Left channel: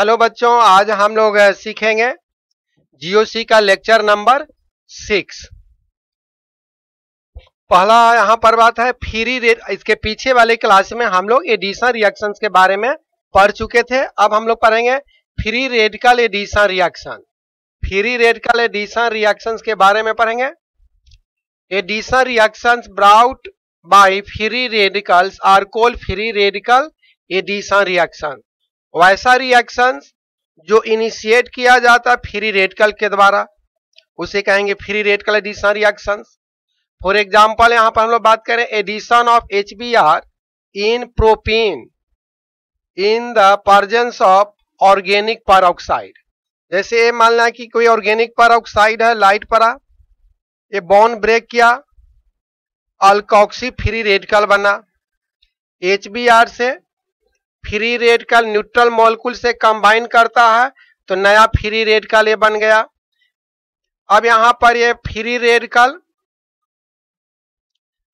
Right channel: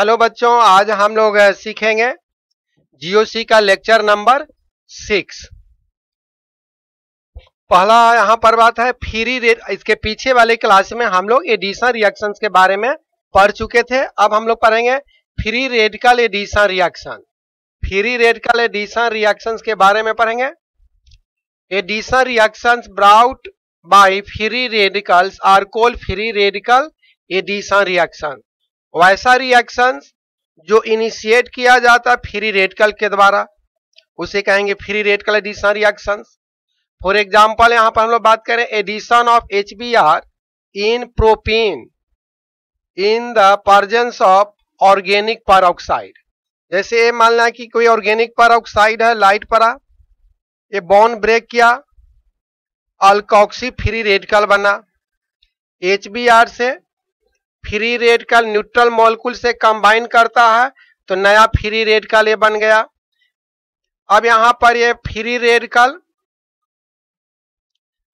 Hello बच्चों, आज हम लोग सीखेंगे जीओसी का लेक्चर नंबर 6। पहला यहाँ पर बात है फ्री रेड। इसके पीछे वाले क्लास में हम लोग एडिशन रिएक्शंस के बारे में पढ़ चुके थे। अब हम लोग पढ़ेंगे free radical addition reaction. Free radical addition reactions के बारे में पढ़ेंगे। Addition reactions brought by free radicals are called free radical addition reaction. वैसा रिएक्शन जो इनिशिएट किया जाता है फ्री रेडिकल के द्वारा, उसे कहेंगे free radical addition reaction. For example यहाँ पर हम लोग बात करें addition of HBr in propene in the presence of organic peroxide. जैसे ये मान लें कि कोई ऑर्गेनिक पेरोक्साइड है, लाइट पड़ा, ये बॉन्ड ब्रेक किया, अल्कोक्सी फ्री रेडिकल बना। HBr से फ्री रेडिकल न्यूट्रल मॉलिक्यूल से कंबाइन करता है तो नया फ्री रेडिकल ये बन गया। अब यहां पर ये फ्री रेडिकल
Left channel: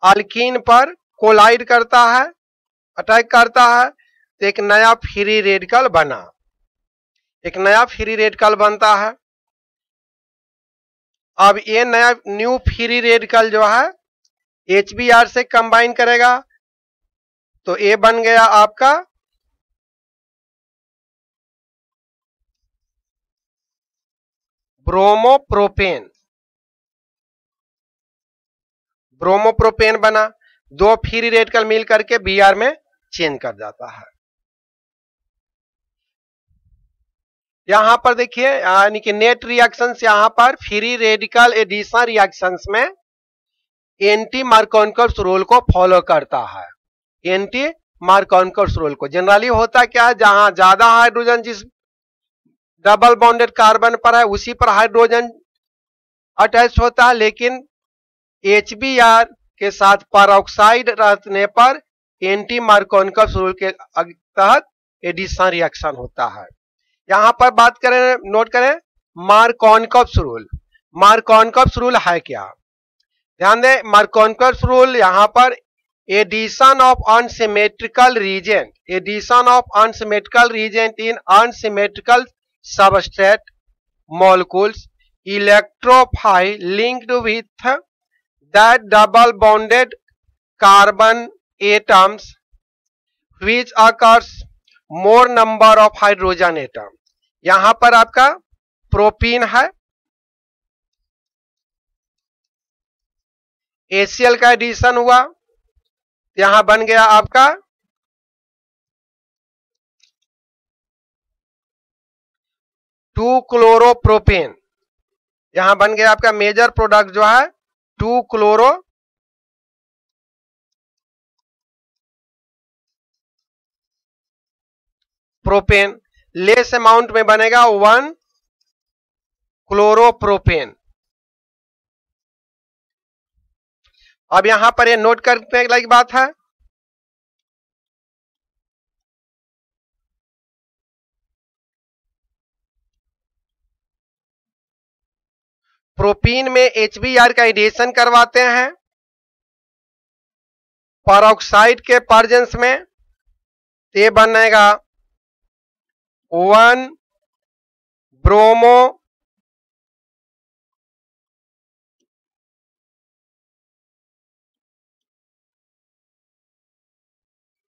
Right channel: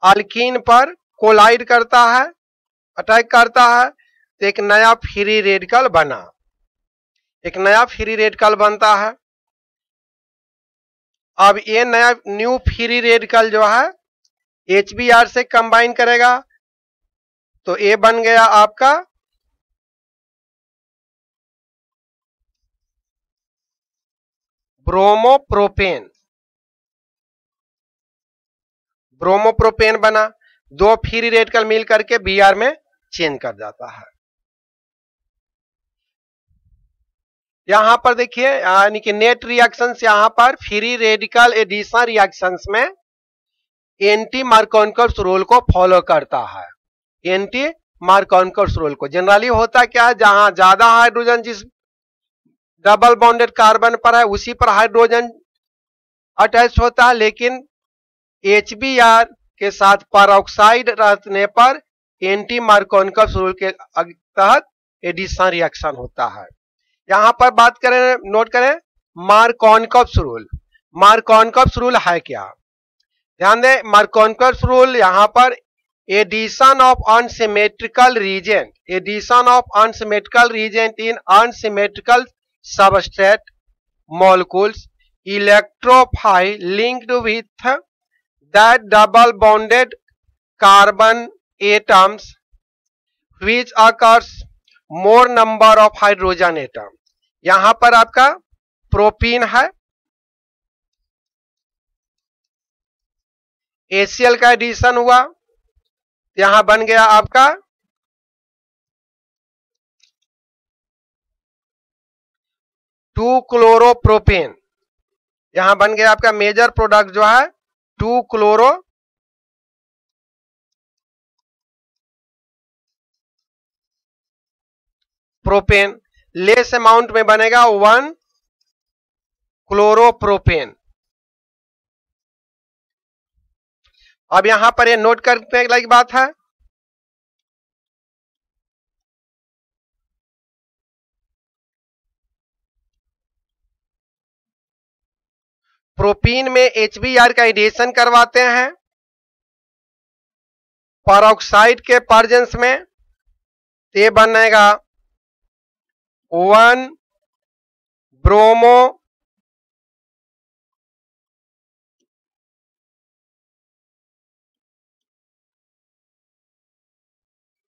अल्कीन पर कोलाइड करता है, अटैक करता है, तो एक नया फ्री रेडिकल बना, एक नया फ्री रेडिकल बनता है। अब ये नया न्यू फ्री रेडिकल जो है HBr से कंबाइन करेगा तो ये बन गया आपका ब्रोमोप्रोपेन। ब्रोमोप्रोपेन बना, दो फ्री रेडिकल मिल करके Br में चेंज कर जाता है। यहां पर देखिए यानी कि नेट रिएक्शंस यहां पर फ्री रेडिकल एडिशन रिएक्शंस में एंटी मार्कोवस्की रूल को फॉलो करता है। एंटी मार्कोवस्की रूल को जनरली होता क्या है, जहां ज्यादा हाइड्रोजन जिस डबल बॉन्डेड कार्बन पर है उसी पर हाइड्रोजन अटैच होता है, लेकिन HBr के साथ पेरोक्साइड रहने पर एंटी मार्कोवस्की रूल के तहत एडिशन रिएक्शन होता है। यहां पर बात करें, नोट करें मार्कोवस्की रूल। मार्कोवस्की रूल है क्या, ध्यान दें। मार्कोवस्की रूल यहां पर addition of unsymmetrical reagent, addition of unsymmetrical reagent in unsymmetrical substrate molecules electrophile linked with that double bonded carbon atoms which occurs more number of hydrogen atom। यहां पर आपका प्रोपीन है, HCl का एडिशन हुआ, यहां बन गया आपका 2-क्लोरोप्रोपेन। यहां बन गया आपका मेजर प्रोडक्ट जो है 2-क्लोरोप्रोपेन। लेस अमाउंट में बनेगा 1-क्लोरोप्रोपेन। अब यहां पर ये नोट करने लायक बात है, प्रोपीन में HBr का एडिशन करवाते हैं पेरोक्साइड के प्रेजेंस में, ये बनेगा 1-ब्रोमो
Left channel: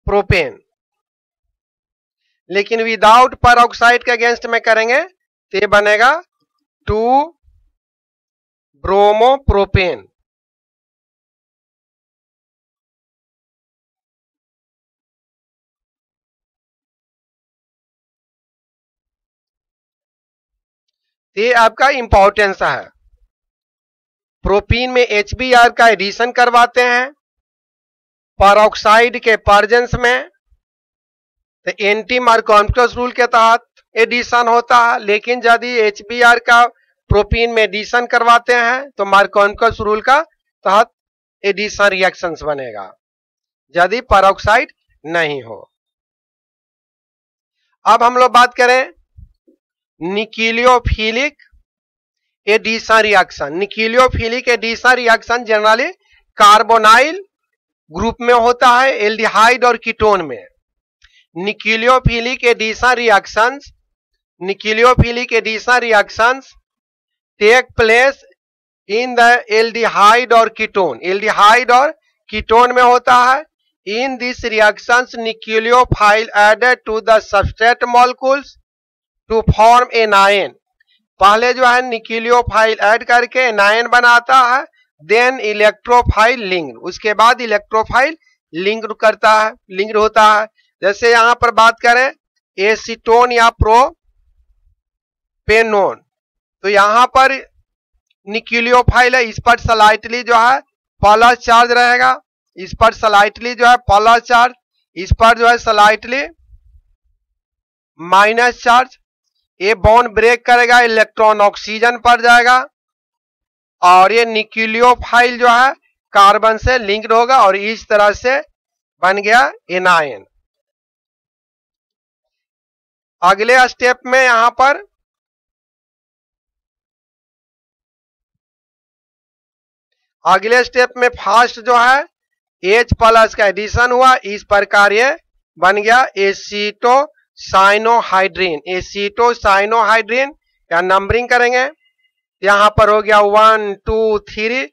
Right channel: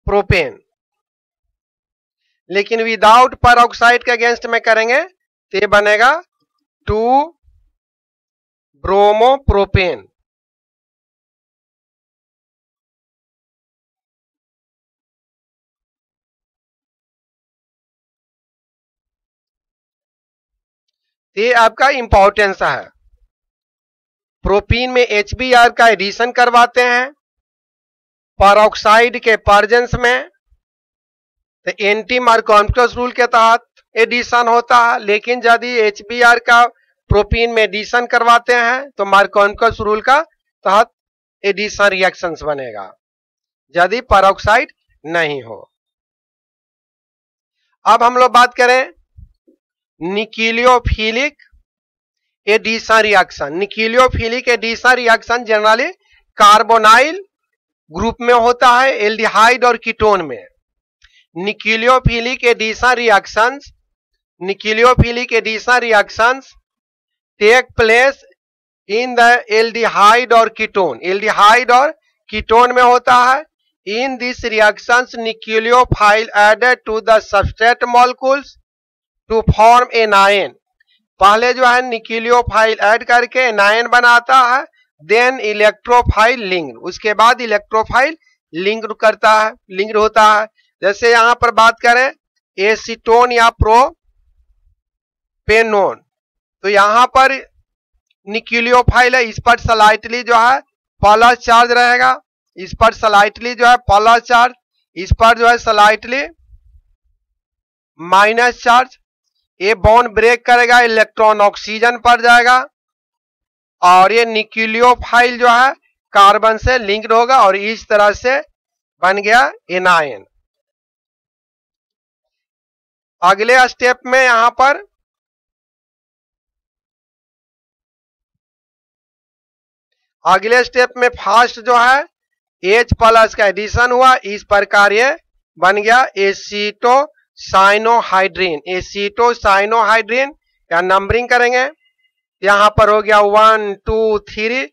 प्रोपेन। लेकिन विदाउट पेरोक्साइड के अगेंस्ट में करेंगे तो ये बनेगा 2-ब्रोमोप्रोपेन। ये आपका इंपॉर्टेंस है। प्रोपीन में HBr का एडिशन करवाते हैं पेरोक्साइड के प्रेजेंस में, तो एंटी मार्कोवस्की रूल के तहत एडिशन होता है। लेकिन यदि HBr का प्रोपीन में एडिशन करवाते हैं तो मार्कोवस्की रूल का तहत एडिशन रिएक्शंस बनेगा यदि पेरोक्साइड नहीं हो। अब हम लोग बात करें nucleophilic addition reaction. Nucleophilic addition reaction generally carbonyl group में होता है, एल्डिहाइड और कीटोन में। Nucleophilic addition reactions nucleophilic addition reactions take place in the aldehyde और कीटोन, एल्डिहाइड और कीटोन में होता है। In this reactions nucleophile added to the substrate molecules to form anion, पहले जो है न्यूक्लियोफाइल ऐड करके एनायन बनाता है, देन इलेक्ट्रोफाइल लिंक, इसके बाद इलेक्ट्रोफाइल लिंक करते हैं, लिंक होता है। जैसे यहां पर बात करें एसीटोन या प्रोपेनोन, तो यहां पर न्यूक्लियोफाइल है, इस पर स्लाइटली जो है प्लस चार्ज रहेगा, इस पर स्लाइटली जो है प्लस चार्ज, इस पर जो है स्लाइटली माइनस चार्ज। ये बॉन्ड ब्रेक करेगा, इलेक्ट्रॉन ऑक्सीजन पर जाएगा और ये न्यूक्लियोफाइल जो है कार्बन से लिंक्ड होगा और इस तरह से बन गया एनायन। अगले स्टेप में यहां पर अगले स्टेप में फर्स्ट जो है H प्लस का एडिशन हुआ, इस प्रकार ये बन गया एसीटोसाइनोहाइड्रीन, एसीटोसाइनोहाइड्रीन। या नंबरिंग करेंगे, यहां पर हो गया 1 2 3,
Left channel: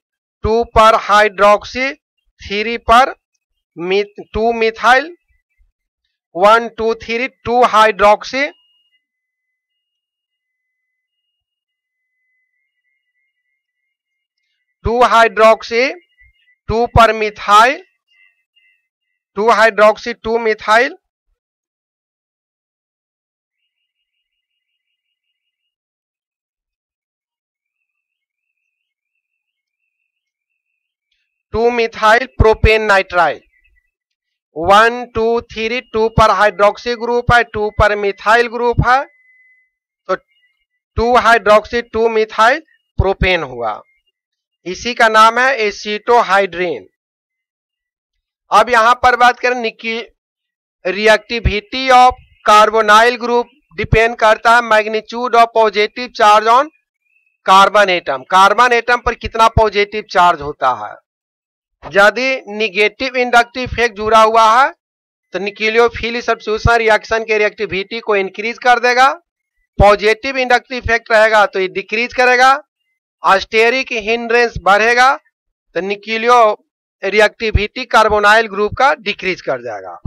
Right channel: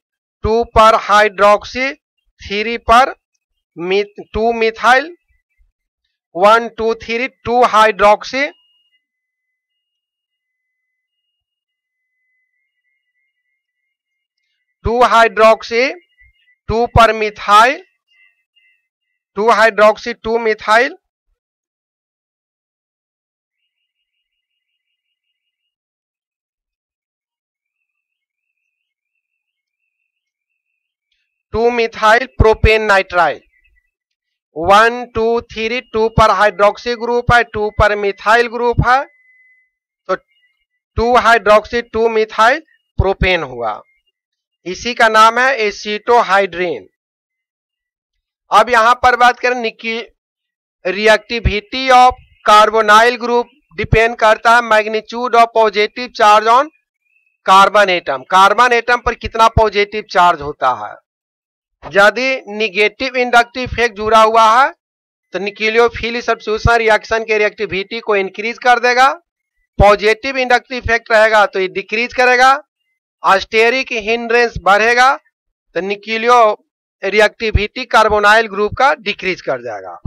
2 पर हाइड्रोक्सी, 3 पर 2 मिथाइल, 1 2 3 2 हाइड्रोक्सी, 2 हाइड्रोक्सी, 2 पर methyl, 2 hydroxy 2 methyl, 2 methyl propane nitrile, 1 2 3 2 पर हाइड्रोक्सी ग्रुप है, 2 पर मिथाइल ग्रुप है, तो 2 हाइड्रोक्सी 2 मिथाइल प्रोपेन हुआ, इसी का नाम है एसीटोहाइड्रीन। अब यहां पर बात करें reactivity of carbonyl group depend करता है magnitude of positive charge on carbon atom, carbon atom पर कितना पॉजिटिव चार्ज होता है। यदि निगेटिव इंडक्टिव इफेक्ट जुड़ा हुआ है तो न्यूक्लियोफिलिक सब्स्टिट्यूशन रिएक्शन के रिएक्टिविटी को इंक्रीज कर देगा, पॉजिटिव इंडक्टिव इफेक्ट रहेगा तो ये डिक्रीज करेगा, स्टेरिक हिंड्रेंस बढ़ेगा तो न्यूक्लियो रिएक्टिविटी कार्बोनाइल ग्रुप का डिक्रीज कर जाएगा।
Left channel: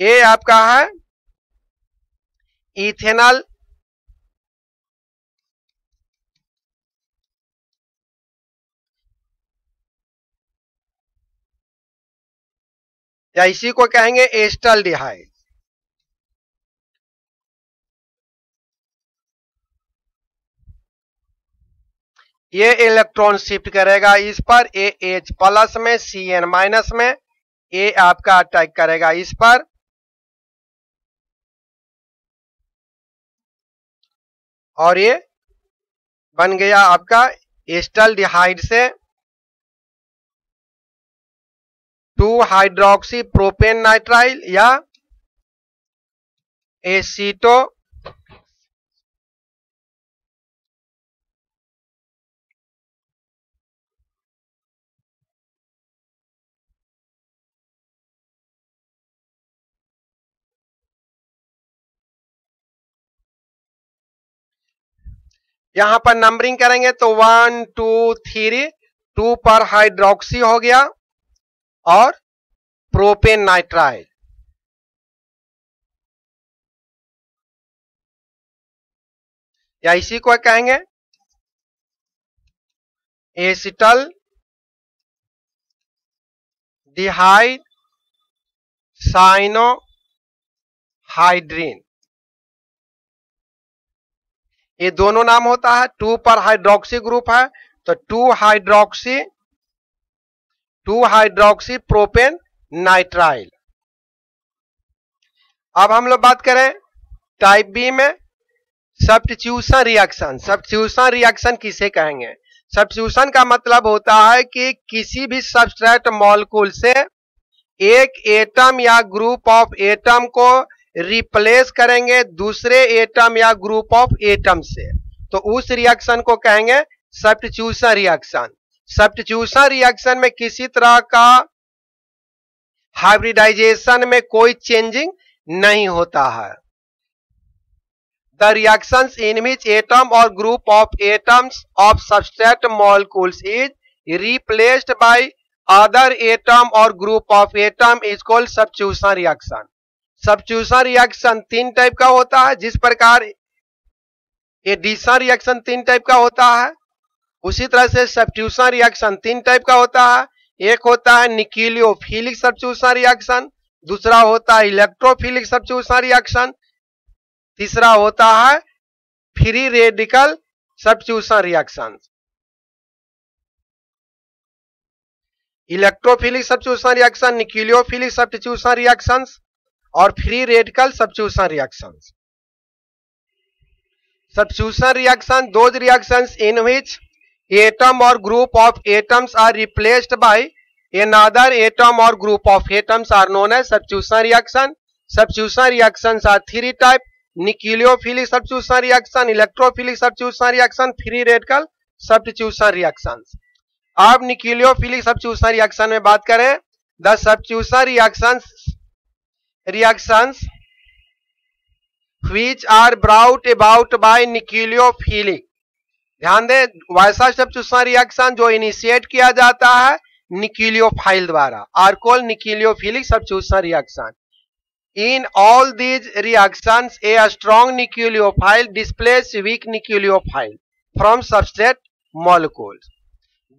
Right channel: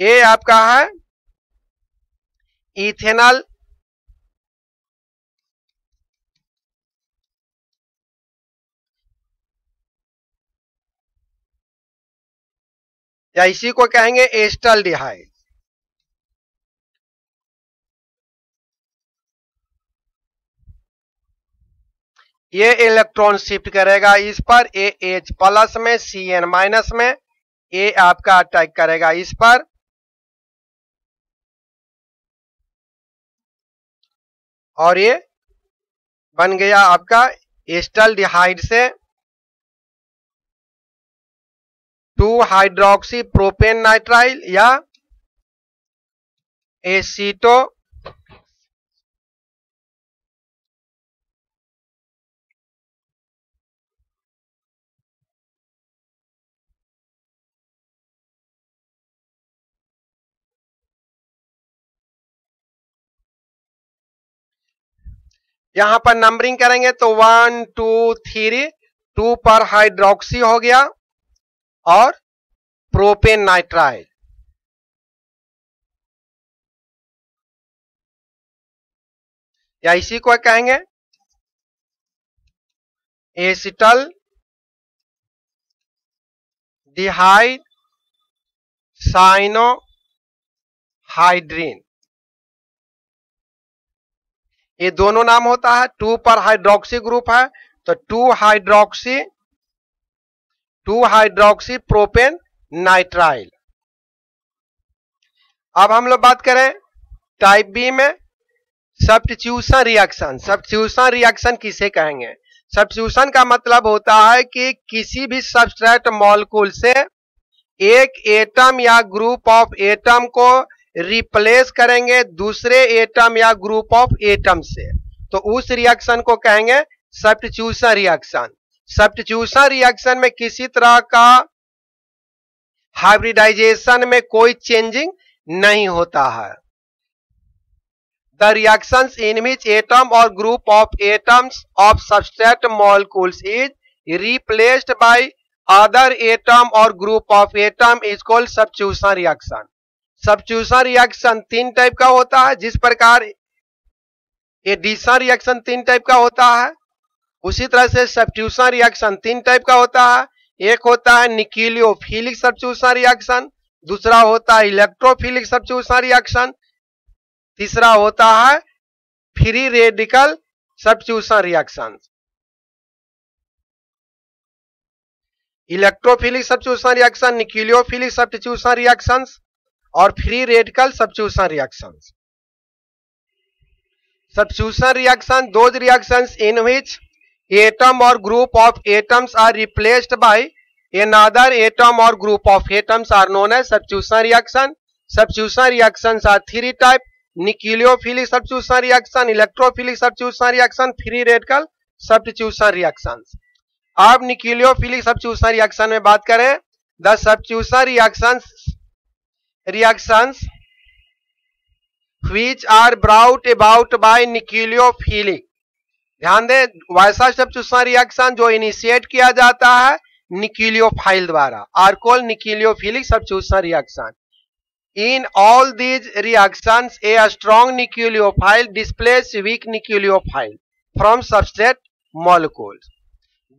ये आपका है इथेनॉल या इसी को कहेंगे एस्टल्डिहाइड। ये इलेक्ट्रॉन शिफ्ट करेगा इस पर, ए एच प्लस में, सी एन माइनस में, ए आपका अटैक करेगा इस पर, बन गया आपका एस्टल्डिहाइड से 2 हाइड्रोक्सी प्रोपेन नाइट्राइल या एसीटो यहां पर नंबरिंग करेंगे तो 1 2 3, 2 पर हाइड्रोक्सी हो गया और प्रोपेन नाइट्राइल, या इसी को कहेंगे एसिटल डिहाइड साइनोहाइड्रीन, ये दोनों नाम होता है। 2 पर हाइड्रोक्सी ग्रुप है तो 2 हाइड्रोक्सी प्रोपेन नाइट्राइल। अब हम लोग बात करें टाइप बी में सब्स्टिट्यूशन रिएक्शन। सब्स्टिट्यूशन रिएक्शन किसे कहेंगे? सब्स्टिट्यूशन का मतलब होता है कि किसी भी सबस्ट्रेट मॉलिक्यूल से एक एटम या ग्रुप ऑफ एटम को रिप्लेस करेंगे दूसरे एटम या ग्रुप ऑफ एटम से, तो उस रिएक्शन को कहेंगे सब्स्टिट्यूशन रिएक्शन। सब्स्टिट्यूशन रिएक्शन में किसी तरह का हाइब्रिडाइजेशन में कोई चेंजिंग नहीं होता है। the reactions in which atom or group of atoms of substrate molecules is replaced by other atom or group of atom is called substitution reaction. substitution reaction तीन टाइप का होता है, जिस प्रकार एडिशन रिएक्शन तीन टाइप का होता है, उसी तरह से सब्स्टिट्यूशन रिएक्शन तीन टाइप का होता है. एक होता है न्यूक्लियोफिलिक सब्स्टिट्यूशन रिएक्शन, दूसरा होता है इलेक्ट्रोफिलिक सब्स्टिट्यूशन रिएक्शन, तीसरा होता है free radical substitution reaction. Electrophilic substitution reaction, nucleophilic substitution reactions और free radical substitution reactions. Substitution reaction, those reactions in which atom or group of atoms are replaced by another atom or group of atoms are known as substitution reaction. Substitution reactions are three type: nucleophilic substitution reaction, electrophilic substitution reaction, free radical substitution reactions. अब nucleophilic substitution reaction में बात करें, the substitution reactions which are brought about by nucleophilic. ध्यान दे, वैसा substitution reaction जो initiate किया जाता है न्यूक्लियोफाइल द्वारा are called nucleophilic substitution reaction. In all these reactions a strong nucleophile displace weak nucleophile from substrate molecules.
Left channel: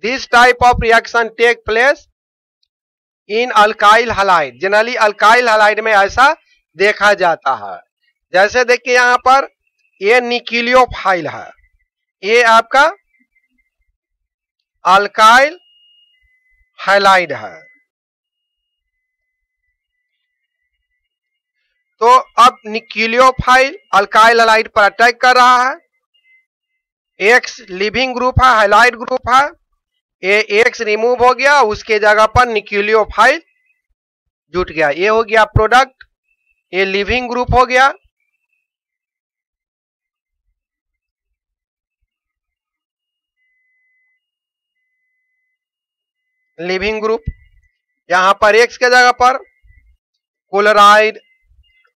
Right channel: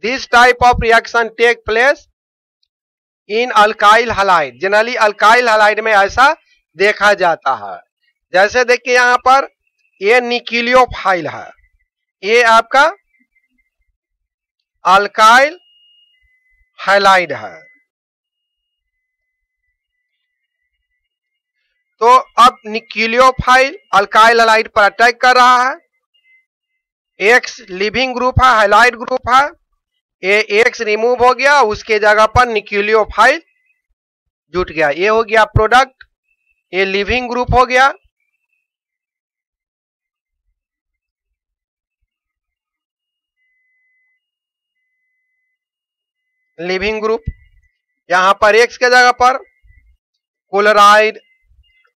This type of reaction take place in alkyl halide. Generally alkyl halide में ऐसा देखा जाता है. जैसे देखिए यहां पर ये न्यूक्लियोफाइल है, ये आपका अल्काइल हैलाइड है. तो अब न्यूक्लियोफाइल अल्काइल हैलाइड पर अटैक कर रहा है. एक्स लिविंग ग्रुप है, हैलाइड ग्रुप है. ये एक्स रिमूव हो गया, उसके जगह पर न्यूक्लियोफाइल जुट गया. ये हो गया प्रोडक्ट, ये लिविंग ग्रुप हो गया. Leaving group. यहां पर एक्स के जगह पर क्लोराइड,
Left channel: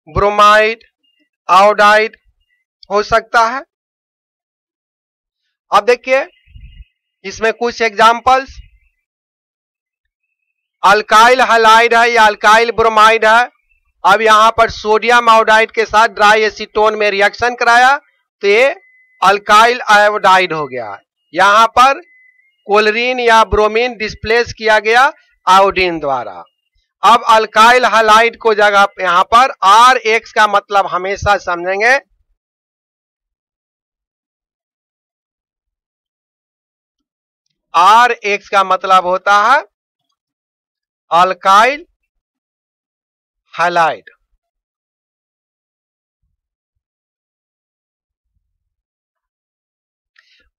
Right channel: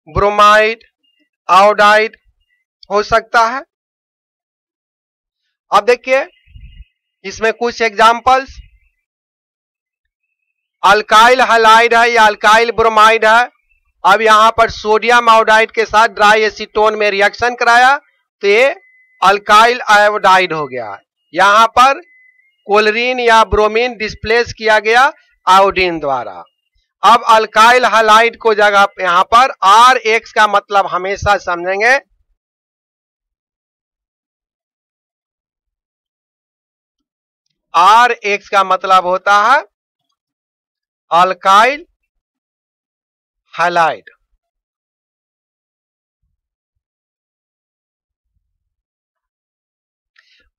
ब्रोमाइड, आयोडाइड हो सकता है. अब देखिए इसमें कुछ एग्जांपल्स. अल्काइल हैलाइड है या अल्काइल ब्रोमाइड है. अब यहां पर सोडियम आयोडाइड के साथ ड्राई एसीटोन में रिएक्शन कराया तो ये अल्काइल आयोडाइड हो गया. यहां पर क्लोरीन या ब्रोमीन डिस्प्लेस किया गया आयोडीन द्वारा. अब अल्काइल हैलाइड को जगह यहां पर आर एक्स का मतलब हमेशा समझेंगे आर एक्स का मतलब होता है अल्काइल हैलाइड.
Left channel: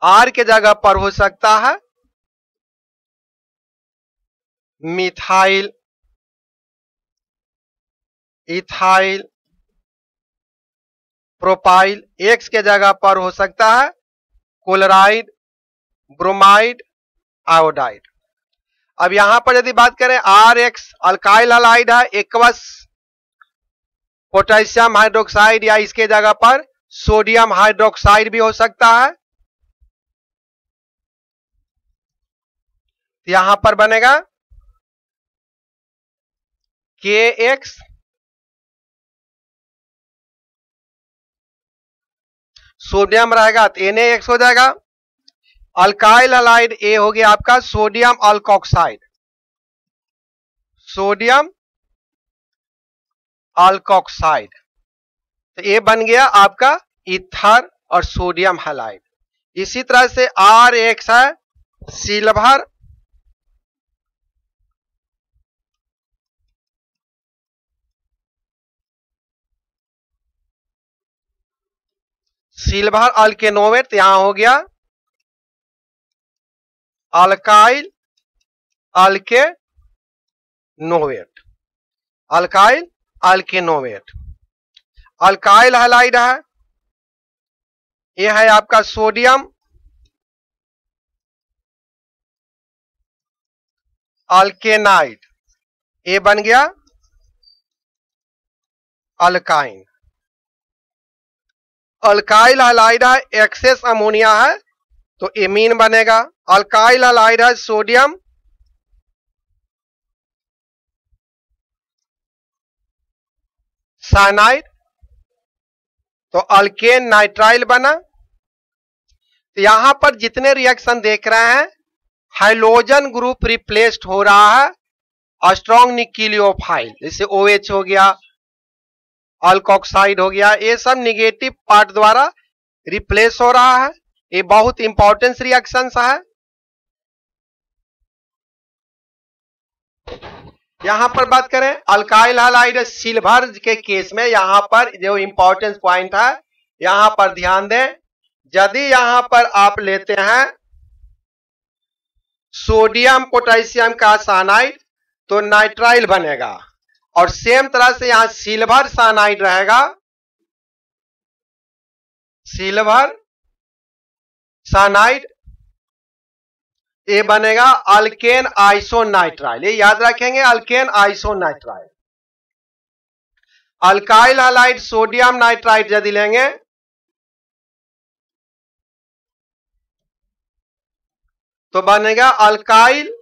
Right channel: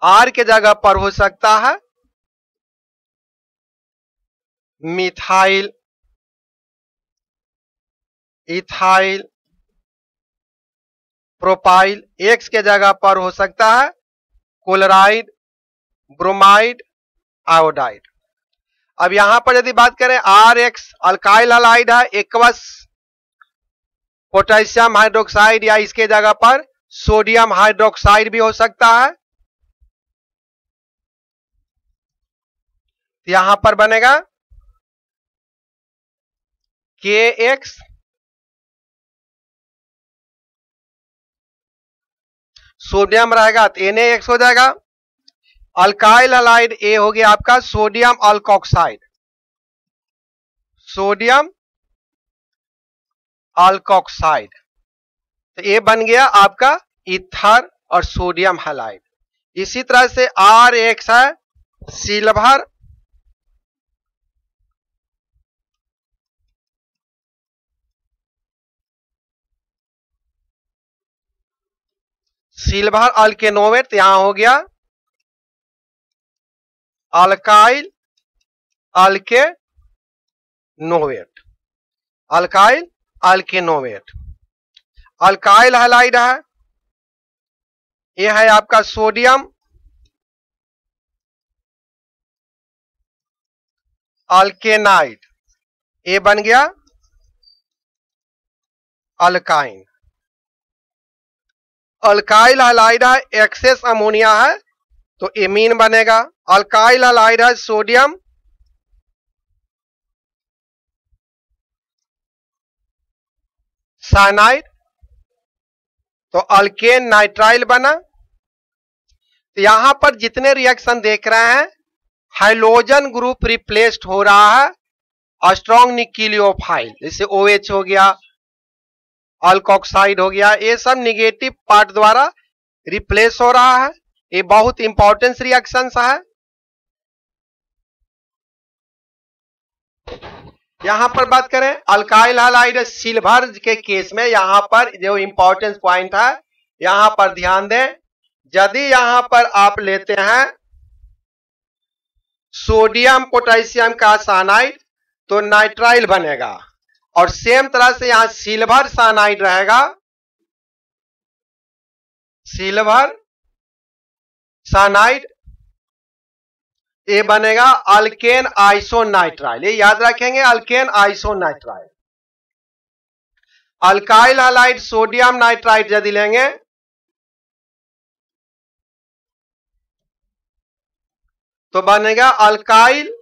आर के जगह पर हो सकता है मिथाइल, इथाइल, प्रोपाइल. एक्स के जगह पर हो सकता है क्लोराइड, ब्रोमाइड, आयोडाइड. अब यहां पर यदि बात करें आर एक्स अल्काइल हैलाइड है, एक्वस पोटेशियम हाइड्रोक्साइड या इसके जगह पर सोडियम हाइड्रोक्साइड भी हो सकता है. यहां पर बनेगा के एक्स सोडियम रहेगा तो NaX हो जाएगा. अल्काइल हैलाइड ए हो गया आपका सोडियम अल्कोक्साइड, सोडियम अल्कोक्साइड. तो ये बन गया आपका ईथर और सोडियम हैलाइड. इसी तरह से RX है सिल्वर अल्केनोवेट. यहां हो गया अल्काइल अल्केनोवेट, अल्काइल अल्केनोवेट. अल्काइल हैलाइड है, यह है आपका सोडियम अल्केनाइड. ये बन गया अल्काइन. अल्काइल हैलाइड है, एक्सेस अमोनिया है तो एमीन बनेगा। अल्काइल हैलाइड है सोडियम साइनाइड तो अल्केन नाइट्राइल बना। तो यहां पर जितने रिएक्शन देख रहे हैं हाइड्रोजन ग्रुप रिप्लेस्ड हो रहा है स्ट्रॉन्ग न्यूक्लियोफाइल, जैसे OH हो गया, अल्कोक्साइड हो गया, ये सब निगेटिव पार्ट द्वारा रिप्लेस हो रहा है। ये बहुत इंपॉर्टेंट रिएक्शन है। यहां पर बात करें अल्काइल हैलाइड सिल्वर के केस में, यहां पर जो इंपॉर्टेंट पॉइंट है यहां पर ध्यान दें। यदि यहां पर आप लेते हैं सोडियम पोटेशियम का साइनाइड तो नाइट्राइल बनेगा, और सेम तरह से यहां सिल्वर साइनाइड रहेगा, सिल्वर साइनाइड ये बनेगा अल्केन आइसोनाइट्राइल। ये याद रखेंगे, alkane isonitrile. Alkyl halide sodium nitride यदि लेंगे तो बनेगा अल्काइल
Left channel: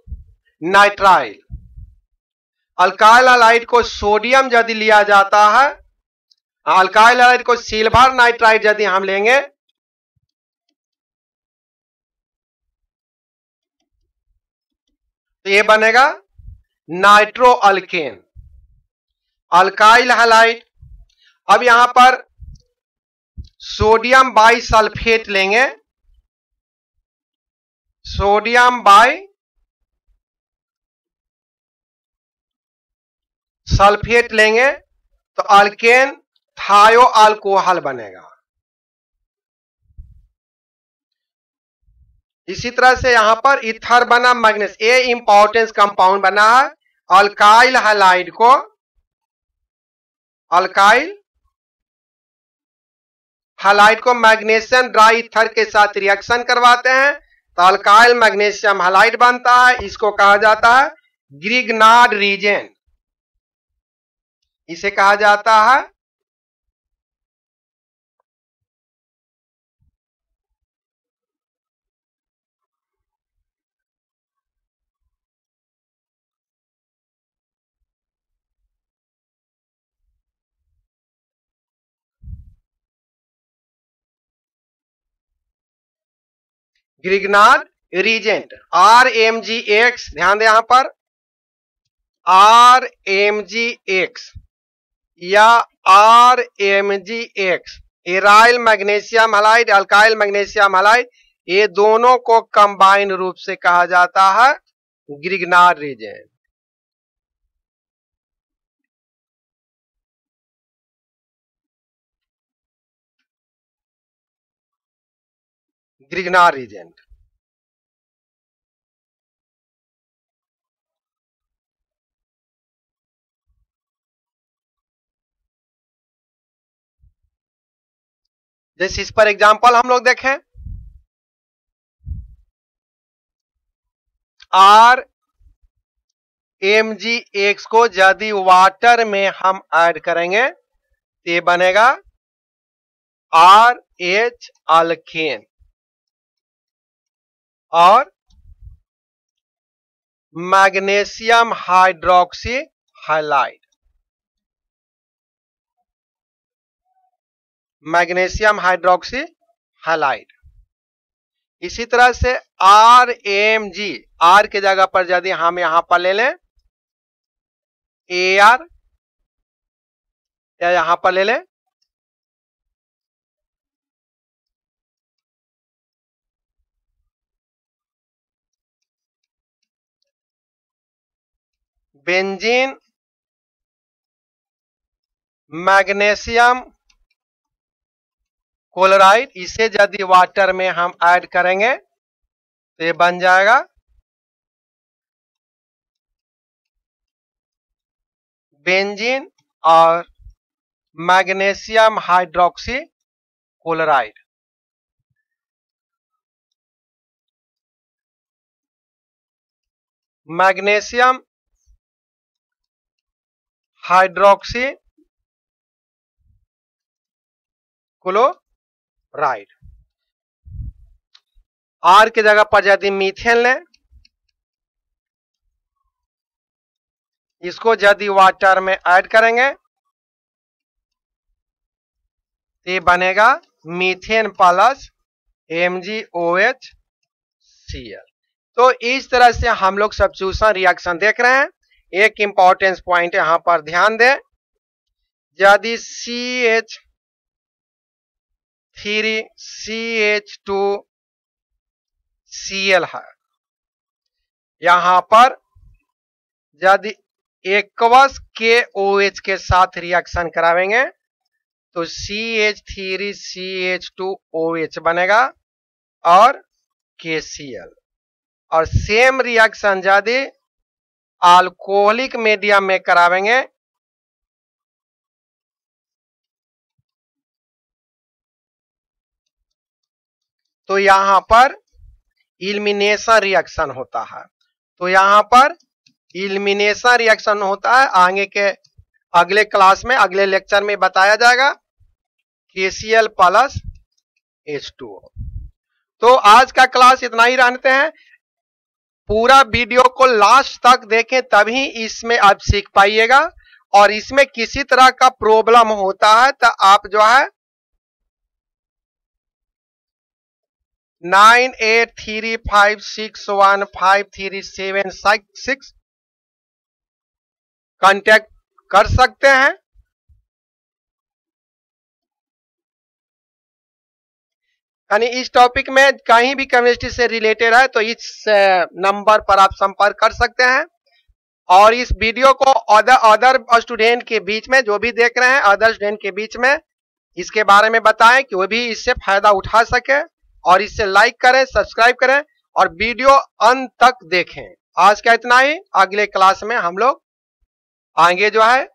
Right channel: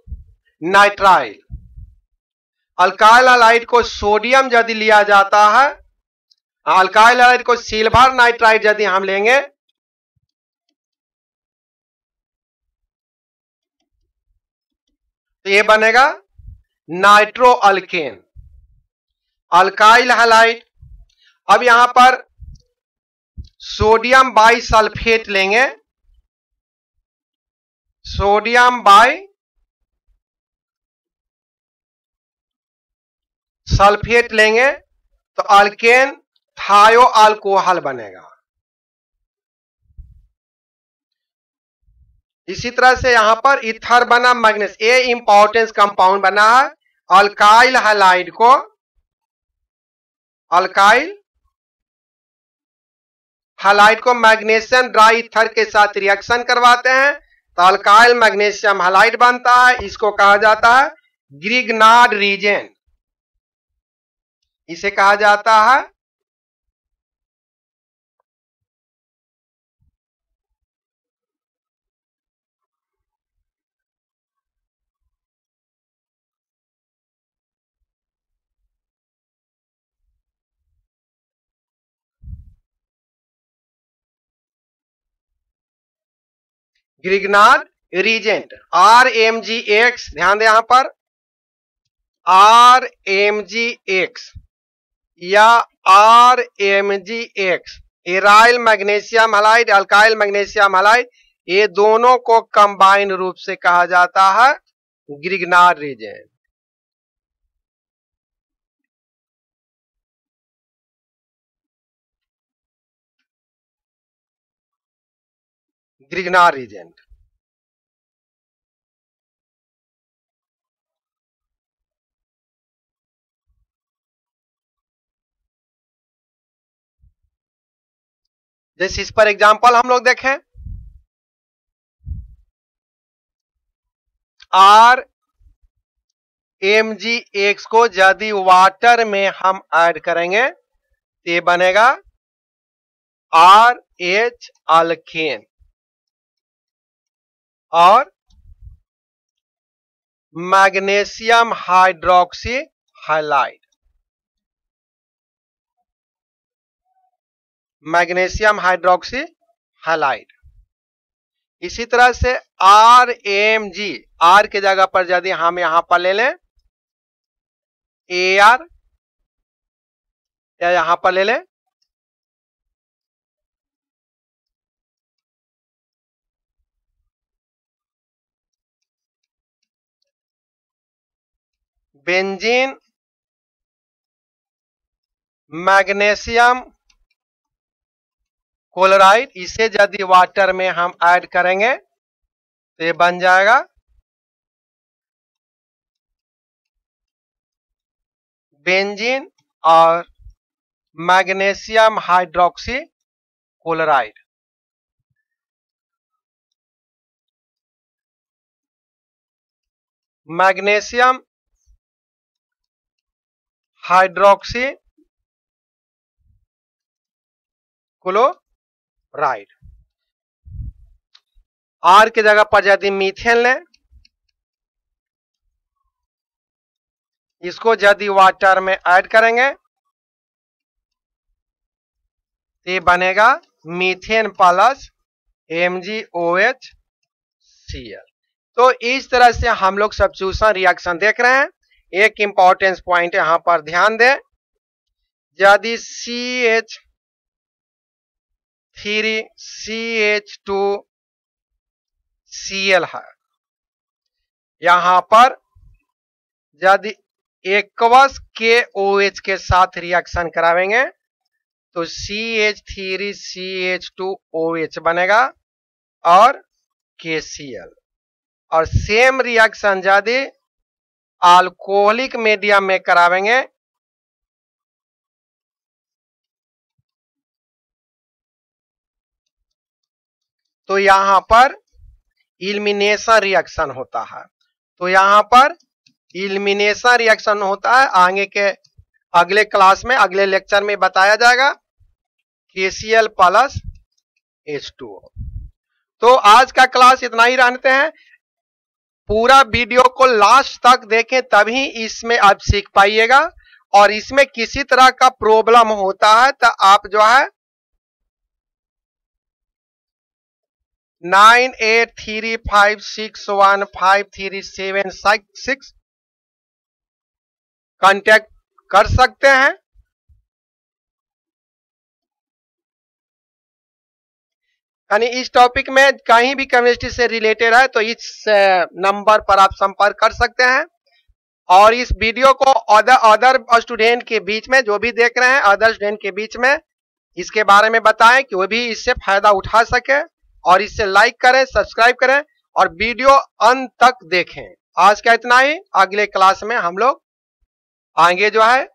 नाइट्राइल। अल्काइल हैलाइड को सोडियम यदि लिया जाता है, अल्काइल हैलाइड को सिल्वर नाइट्राइड यदि हम लेंगे तो ये बनेगा नाइट्रो अल्केन, अल्काइल हैलाइड। अब यहां पर सोडियम बाई सल्फेट लेंगे, सोडियम बाई सल्फेट लेंगे तो अल्केन थायो अल्कोहल बनेगा। इसी तरह से यहां पर इथर बना मैग्नीस, ये इंपॉर्टेंस कंपाउंड बना है। अल्काइल हैलाइड को अल्काइल हैलाइड को मैग्नीशियम ड्राई इथर के साथ रिएक्शन करवाते हैं तो अल्काइल मैग्नीशियम हैलाइड बनता है। इसको कहा जाता है ग्रिग्नार्ड रीजेंट, इसे कहा जाता है ग्रिग्नार्ड रीजेंट। RMgX, ध्यान दें यहां पर RMgX या RMgX, aryl magnesium halide, alkyl magnesium halide, ये दोनों को कंबाइंड रूप से कहा जाता है ग्रिग्नार्ड रीजेंट। Grignard reagent. इस पर एग्जांपल हम लोग देखें, RMgX को यदि वाटर में हम ऐड करेंगे तो ये बनेगा RH अल्केन और magnesium hydroxy halide, magnesium hydroxy halide. इसी तरह से RMg, R के जगह पर यदि हम यहां पर ले लें AR या यहां पर ले लें बेंजीन मैग्नीशियम क्लोराइड, इसे यदि वाटर में हम ऐड करेंगे तो ये बन जाएगा बेंजीन और magnesium hydroxy chloride. Magnesium hydroxy chloride. Right, R की जगह पर यदि मीथेन ले, इसको यदि वाटर में ऐड करेंगे ये बनेगा मीथेन प्लस MgOH तो इस तरह से हम लोग सब्स्टिट्यूशन रिएक्शन देख रहे हैं। एक इंपॉर्टेंस पॉइंट यहां पर ध्यान दें, यदि CH3CH2Cl है, यहां पर यदि एक्वस के OH के साथ रिएक्शन करावेंगे तो CH3CH2OH बनेगा और KCl। और सेम रिएक्शन यदि अल्कोहलिक मीडियम में करावेंगे तो यहां पर एलिमिनेशन रिएक्शन होता है। तो यहां पर एलिमिनेशन रिएक्शन होता है, आगे के अगले क्लास में अगले लेक्चर में बताया जाएगा, KCl प्लस H2O। तो आज का क्लास इतना ही जानते हैं। पूरा वीडियो को लास्ट तक देखें तभी इसमें आप सीख पाइएगा। और इसमें किसी तरह का प्रॉब्लम होता है तो आप जो है 9835615376 कांटेक्ट कर सकते हैं। यानी इस टॉपिक में कहीं भी केमिस्ट्री से रिलेटेड है तो इस नंबर पर आप संपर्क कर सकते हैं। और इस वीडियो को अदर स्टूडेंट के बीच में, जो भी देख रहे हैं अदर स्टूडेंट के बीच में इसके बारे में बताएं कि वो भी इससे फायदा उठा सके। और इससे लाइक करें, सब्सक्राइब करें और वीडियो अंत तक देखें। आज का इतना ही, अगले क्लास में हम लोग आगे जो है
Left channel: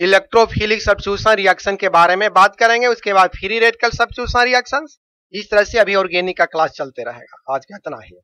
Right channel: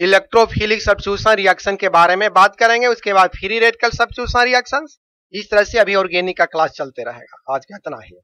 इलेक्ट्रोफिलिक सब्स्टिट्यूशन रिएक्शन के बारे में बात करेंगे। उसके बाद फ्री रेडिकल सब्स्टिट्यूशन रिएक्शंस। इस तरह से अभी ऑर्गेनिक का क्लास चलते रहेगा। आज का इतना ही।